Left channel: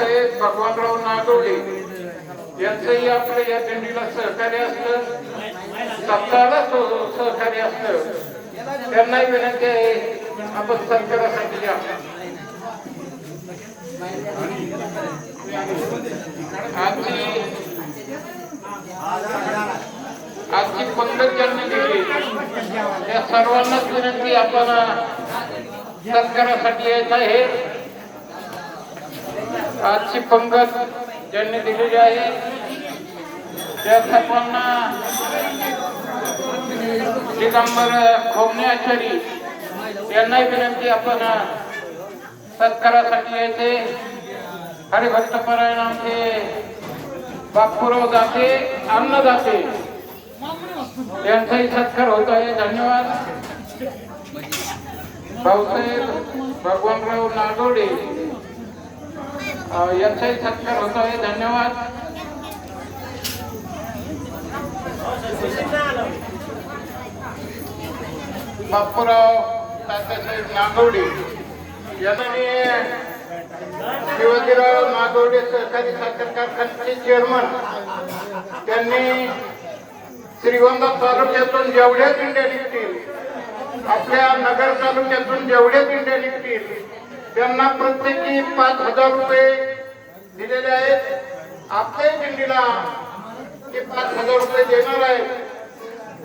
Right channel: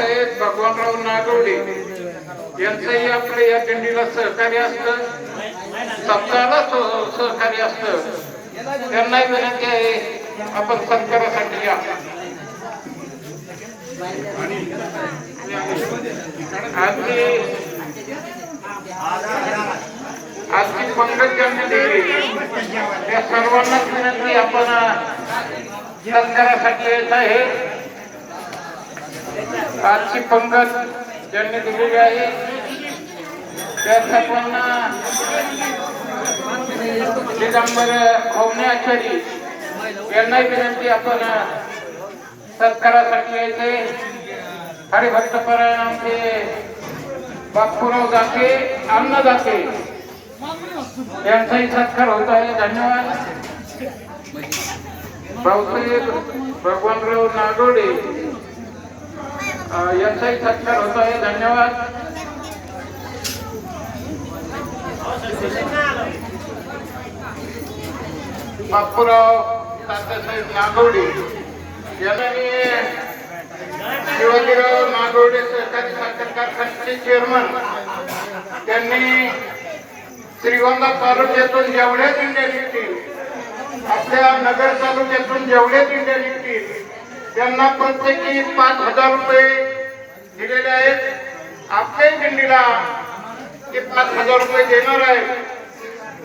भाऊसाहेब भगवानराव नागवडे यांचंही आपलं या दिंडीला सहकार्य असतं. सप्ताहाला सहकार्य असतं. त्यांनाही विनंती आहे आपण सत्कारासाठी या. आजची आजची पंकज ज्यांनी दिली. या सर्वांनाच विनंती आपण सत्कारासाठी येत आहे. पाचशे पंगत ज्यांनी दिलेली आहे त्या सर्वांना दिगंबर खोमणे आचारी यांनाही विनंती आपण सत्कारासाठी यायचे. हरिभक्त परायण आमचे बापूराव जाते अन्न यांचाही सत्कार होत आहे. धन्यवाद. भाऊसाहेब भगवानराव नाडोडे यांचाही सत्कार होतो आहे धन्यवाद. बापूराव तात्यासाहेब मागवडे. यांना मी शिवाजीराव नागवडे सहकारी साखर कारखान्याचे चेअरमन त्यांनी श्रीगोंदा तालुक्यातून जेवढ्या दिंड्या निघतील आपल्या नगर तालुक्यातून जेवढ्या दिंड्या निघतील त्यांना प्रत्येकी पाच हजार रुपये दिलेले आहेत. आपल्याही दिंडीला ते पाच हजार रुपये देणार आहेत.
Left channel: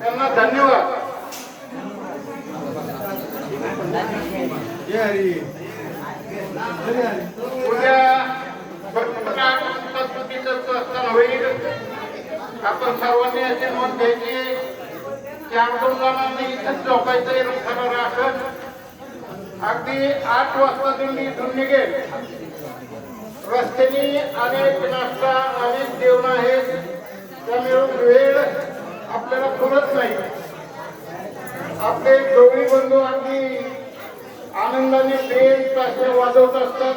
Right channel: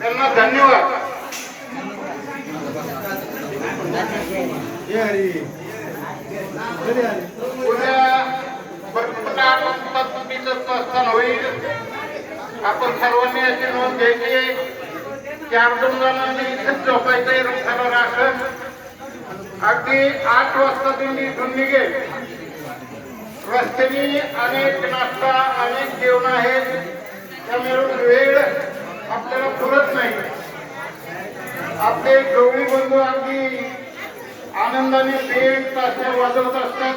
त्यांना धन्यवाद. प्रस्थान होईल आपण सर्वांनी अशी नोंद घ्यायची की जणांनी इथंच झोपायचं राखत अगदी आठ वाजता दिंडी इथून निघेल. रस्त्याने अनेक नाश्ता अनेक जेवण आहेत. त्यामुळे वेळ आपल्याला पुरत नाही. आपले जोडी बंधू अगदी आनंदाने पेट ताशा वाजवत असतात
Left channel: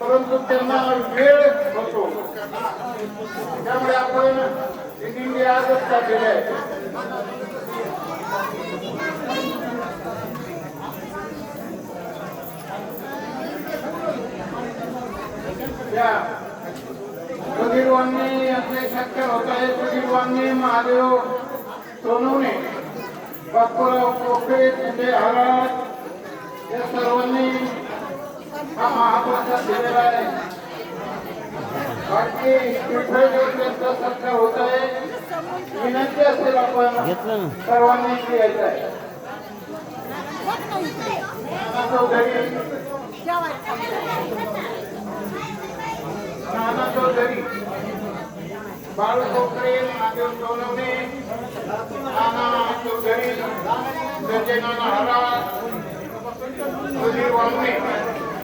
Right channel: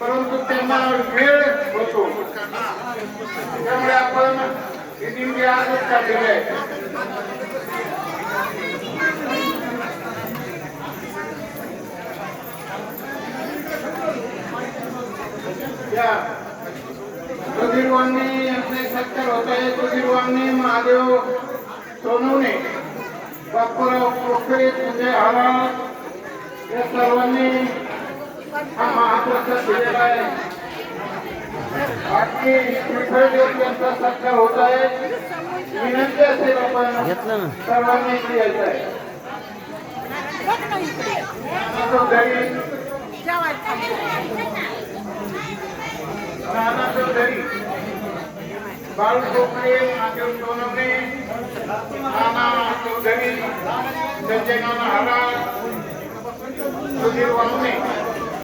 परंतु त्यांना वेळ होतो. त्यामुळे आपण ही दिंडी आजच काढलेली आहे. या. सुधीरवांनी आपले सत्कार होत आहे सुधीरवांनी महादेव सोनवणे बापूराव कोकरे तुझे आवाज या सर्वांनी हा महाप्रसाद दिलेला आहे. बाकी यांचा सत्कार होत आहे. विनंती असेल आपण सर्वांनी यायचं आहे. બાળ છોકરી માધ્યમ જોનવણી નાના ચૌધરી સંજય નાના હરા સુધીર વામણી